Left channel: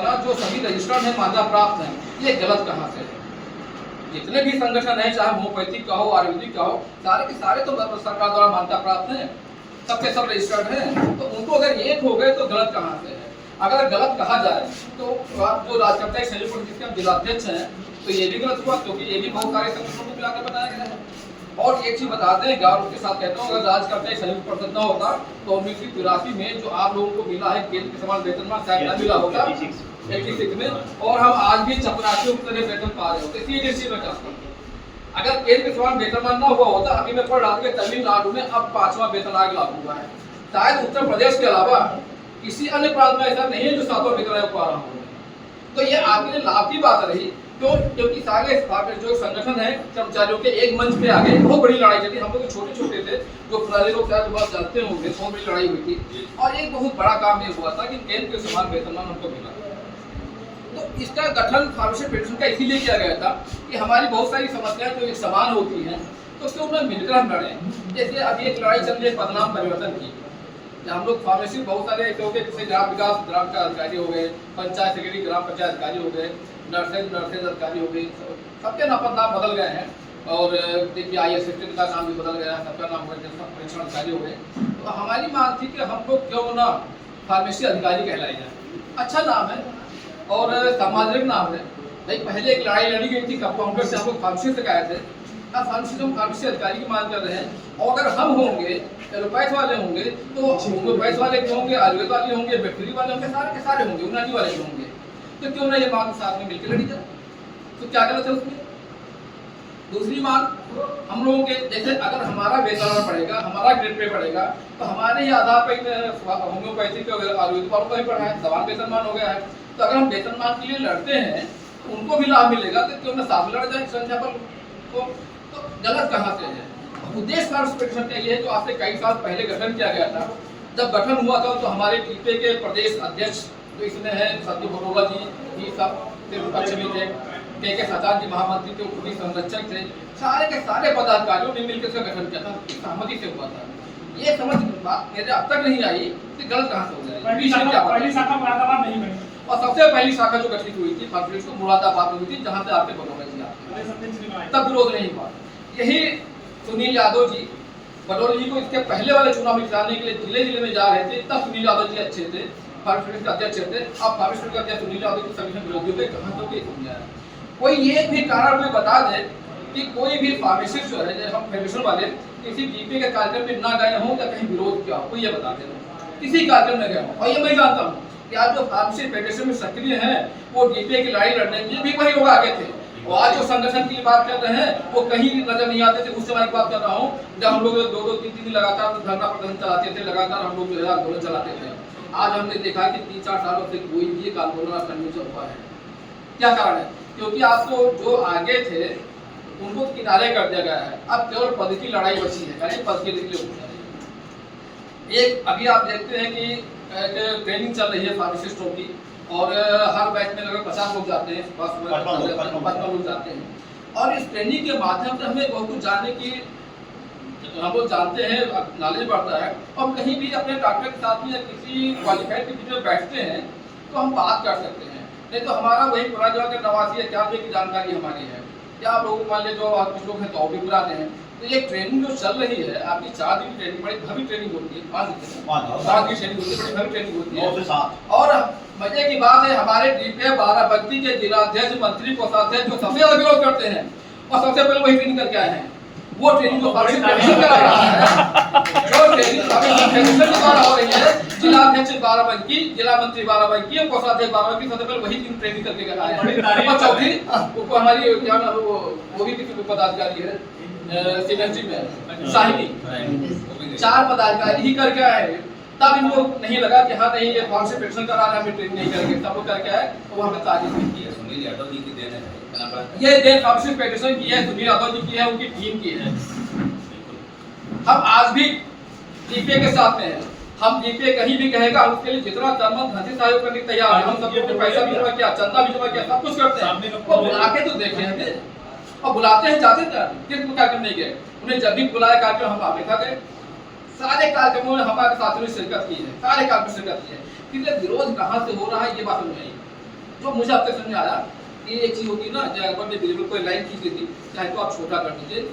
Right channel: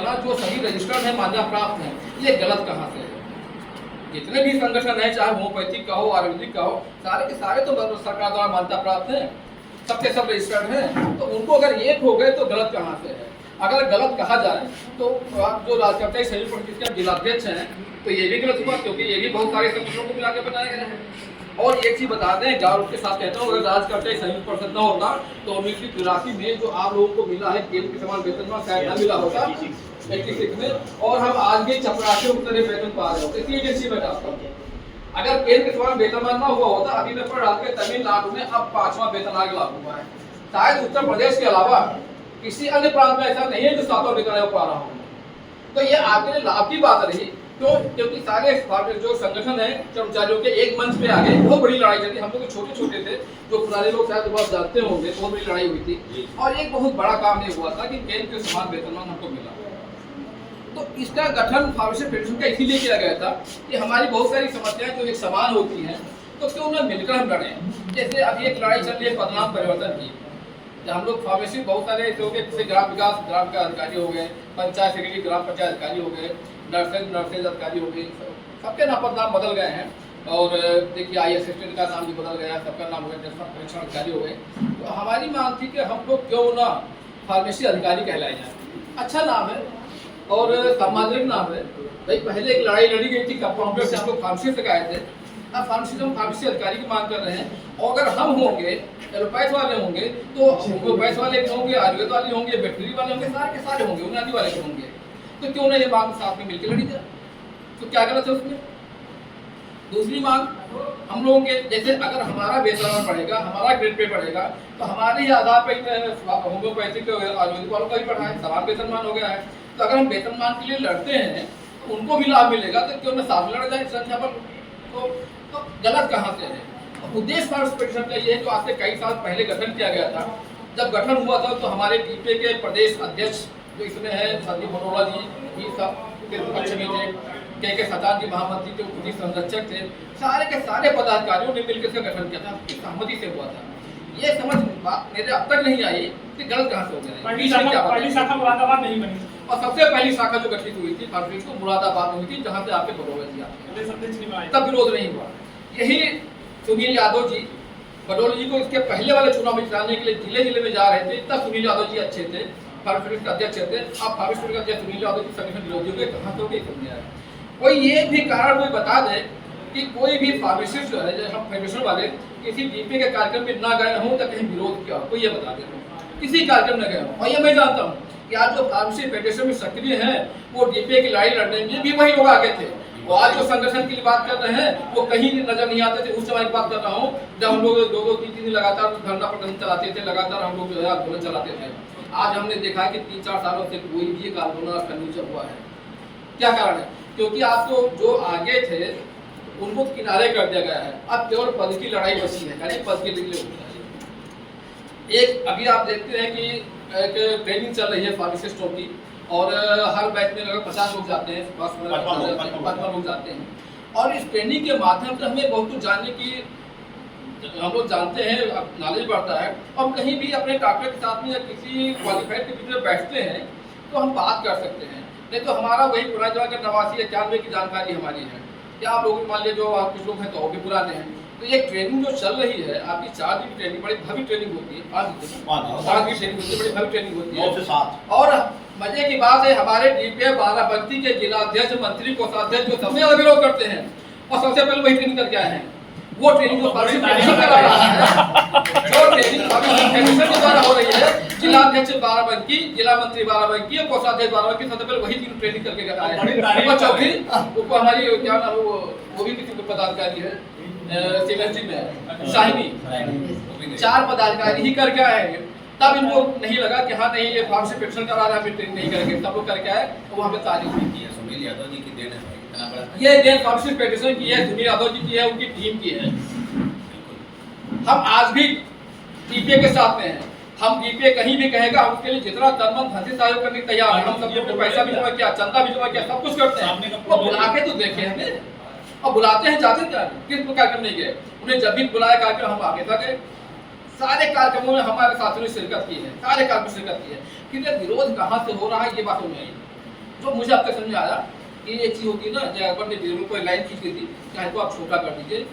जो सभी रजिस्टर्ड है, मान्यता प्राप्त है, ये गलत कहाँ से है? जितने भी संगठन है, चाहे होम्योपैथिक का हो, आयुर्वेदिक का हो, सारे के सारे तो सरकार द्वारा मान्यता प्राप्त है, सबके सब रजिस्टर्ड हैं। तो उनको अगर एक हो गए तो गलत कहाँ से है? अगर गलत कहा जाए तो आप जो राज्यकर्ता संयुक्त परिषद के जिलाध्यक्ष हैं, तो ये भी गलत हुआ, क्योंकि ये भी बहुत सारे संगठनों को मिला के बताया गया है। और एक चीज बताते हैं, गौरव के साथ कहता हूँ, अगर राज्यकर्ता संयुक्त परिषद न होता तो 1983 में जो आप लोगों को मिला है केंद्र के समान वेतनमान, शायद न मिला होता 86 में, और हम आज भी चपरासियों की तरह वेतन पा रहे होते। एजेंसी में चाहता हूँ, अगर केंद्र के समान वेतनमान न हुआ होता, अभी मैं पढ़ रहा था कि तमिलनाडु में अब 5वां वेतन आयोग लागू हुआ है। शायद उत्तर प्रदेश के अलावा किसी अन्य प्रांत में ऐसा नहीं है जो 7वां वेतन आयोग पा रहा हूँ। तो ये आपके लिए लाभ की बात रही, क्यों? क्योंकि सारे जो संगठन है कर्मचारियों के एक मंच पे आ गए। बहुत बड़ी लड़ाई चली, हम लोग छोटे छोटे थे, जो पुराने लोग शायद बहुत जानते होंगे, बहुत बड़ी लड़ाई हुई थी, और एक बहुत बड़ा काम ये हुआ था कि केंद्र के समान वेतनमान हमको मिला। तो इसका गठन फार्मेसी फेडरेशन का इसीलिए किया गया था कि हमारी बहुत सारी समस्याएं जो एक समान होती हैं, तो क्यों ना मिलकर हम लड़ें। जैसे अभी एक लड़ाई चल रही है पदनाम परिवर्तन की, हम लोग फार्मेसी बहुत सारे ऐसे हो गए, जैसे ग्राम विकास ग्राम का अधिकारी हो गए, पंचायत सेक्रेटरी ग्राम पंचायत अधिकारी हो गए, नर्सेज अधिकारी हो गए, सबके नाम पदनाम बदल गए हैं। और देखिए आई असिस्टेंट का नाम भी बदल गया, सबका नाम हो गया परीक्षण अधिकारी हो गए। तो हमारी मांग थी कि हमको क्यों ना फार्मेसी अधिकारी कहलाए जाए। अच्छा नाम है और सामाजिक नाम है। भाई पहले एक लड़ाई लड़ी गई थी कंपाउंडर से, हम लोग फार्मेसी से गए थे, अब फार्मेसी अधिकारी की मांग कर रहे हैं। और अगर हम होंगे एलोपैथ वाले होंगे, तो होम्योपैथ वाले भी होंगे, आयुर्वेद वाले होंगे, वेटनरी वाले होंगे, सारे के सारे होंगे, यूनानी वाले भी होंगे। तो क्यों ना ये मांग साथ में मिलकर लड़ी जाए? तो क्या गलत है उसमें? दूसरी मांग हम लोगों के, जैसे अगर हमारा वेतन पड़ेगा, हमारा ग्रेड पे पड़ेगा, तो हमारे ही आधार पर होम्योपैथिक आयुर्वेदिक वालों का भी पढ़ा है, समान वेतनमान हो गया है। तो अगर हम वेतनमान के लिए लड़ते हैं तो उनको भी लाभ मिलेगा, तो क्यों ना साथ लड़ जाए संख्या पर? तो गलत कहाँ से है? उद्देश्य फार्मेसी फेडरेशन का ये है, जो आज से कई साल पहले गठन किया गया था। जब गठन हुआ था तो हमारे डीपे के प्रदेश अध्यक्ष जो इसमें है संदीप बरोला जी, ये सब पक्ष में थे, के सचान जी महामंत्री थे, खुद संरक्षक थे, सारे के सारे पदाधिकारियों ने मिलकर इसका गठन किया था, सहमति से हुआ था। ये समझ बात मेरे अब तक नहीं आई कि गलत कहाँ से हो गया। पहली शाखा मुरादाबाद नहीं बनी, और सबसे पहली शाखा जो गठित हुई थी फार्मेसी को मुरादाबाद में हुई थी, जहाँ से आपके बरोबर जी आते, तब विरोध नहीं हुआ। यही सुनील यादव जी बडोली जी को इसके पहले वाले चुनाव में जिताने के लिए जिले जिले में जा रहे थे, तब सुनील यादव जी अच्छे थे, फार्मेसी के अध्यक्ष थे। अब फार्मेसी के अध्यक्ष सुनील यादव की संगठन विरोधियों के कहाँ से समझ आया? कोई ये भी कारण कोई बता दे कि कोई भी फार्मेसिस्ट जो है, हम फेडरेशन वाले किसी डीपी के कार्यक्रम में ना गए हों, तो कहीं विरोध किया हो, कोई ये बता दे किसी कार्यक्रम में गए हों। और ये मैं जानता हूँ कि आज जो फार्मेसी फेडरेशन में सक्रिय हैं, वो डीपी की लड़ाई लड़ने में भी वही लोग आगे थे। और आज जो संगठन की बात कर रहे हैं वो कहीं नजर नहीं आते थे। उस समय की बात कर रहा हूँ जब हम लोग 2-3 दिन लगातार धरना प्रदर्शन चलाते थे, लगातार हम लोग जो है आंदोलन चलाते थे। आज हमने देखा है कि 3-4 सालों से कोई भी एक आंदोलन नहीं हुआ है। क्या कारण है? क्योंकि आपको जो आगे थे उनको किनारे कर दिया गया है। अब केवल पद की लड़ाई बची है, खाली पद के लिए होता है। एक अभी आप देखते हैं कि एक ट्रेनिंग चल रही है फार्मासिस्टों की, और हर बैच में लगभग 50 लोग जाते हैं, 55 लोग जाते हैं। और इस ट्रेनिंग के माध्यम से हमें बहुत कुछ जानने की, हम लोग जानते हैं, नॉलेज बढ़ता है। और कहीं भी अपने डॉक्टर के साथ में या किसी क्वालिफाइड के बीच में बैठते हैं तो हम बात कर सकते हैं। नहीं तो हमारा वही पुराना जगह का 89-91 की जानकारी हमारी है, या आप लोग मान लीजिए जो कुछ लोग हैं तो भी पुराने हैं। तो ये ट्रेनिंग जो चल रही है आपकी 4 दिन की ट्रेनिंग, बड़ी भव्य ट्रेनिंग होती है, 5 दिन की ट्रेनिंग होती है, बड़ी भव्य ट्रेनिंग होती है। और मजे की बात है, हमारे डीपीए बाराबंकी के जिलाध्यक्ष, मंत्री, कोषाध्यक्ष जो सबसे ज्यादा विरोध करते हैं और सबसे पहले वही ट्रेनिंग करके आए हैं। वो ट्रेनिंग जो फार्मेसी फेडरेशन करा रहा है, जो ट्रेनिंग फार्मेसी फेडरेशन के द्वारा हो रही है, जिलाध्यक्ष बाराबंकी, जिला मंत्री बाराबंकी और कोषाध्यक्ष बाराबंकी, सबसे पहले वही तीन ट्रेनिंग करके आए हैं। और चौथी वो हमारी क्या नाम है, वो भी किसी पदाधिकारी है सीनियरिटी में, साहिनी, 4 पदाधिकारी ही करके आए हैं। तब इनको नहीं लगा कि हाँ नहीं ये फार्मेसी फेडरेशन करा रहा है, हमें ट्रेनिंग नहीं करेंगे। सब लोग करके आए, वो हमें तारीफ भी की है। सुनील यादव जी की देन है, ये देन फार्मेसी फेडरेशन की है, सुनील यादव जी की है, उनकी टीम की है। हम आज भी डीपीए के साथ में हैं। हम डीपीए कहीं भी कहेगा, हम उसके लिए जितना तनमन धन से सहयोग करने तैयार है। हम सब लोग पैसा भी जमा किया, चंदा भी जमा किया, सब कुछ करते हैं। वो बुला के तो देखे हमें, और बुलाते हैं जाते हैं, किस कार्यक्रम नहीं गए। उन्हें जब भी बुलाया कार्यक्रम हम आगे था गए। सारे कार्यक्रमों में हमारे साथियों ने शिरकत की है, सारे कार्यक्रम में शिरकत की है। कि विरोध कहाँ से हो रहा है ये बात नहीं आई। जो मुझे अब तक समझ में आया कि एक चीज़ होती है ना, जब बर्थडे कोई लाइन खींच देती, चाहे तो आप छोटा कर दीजिए,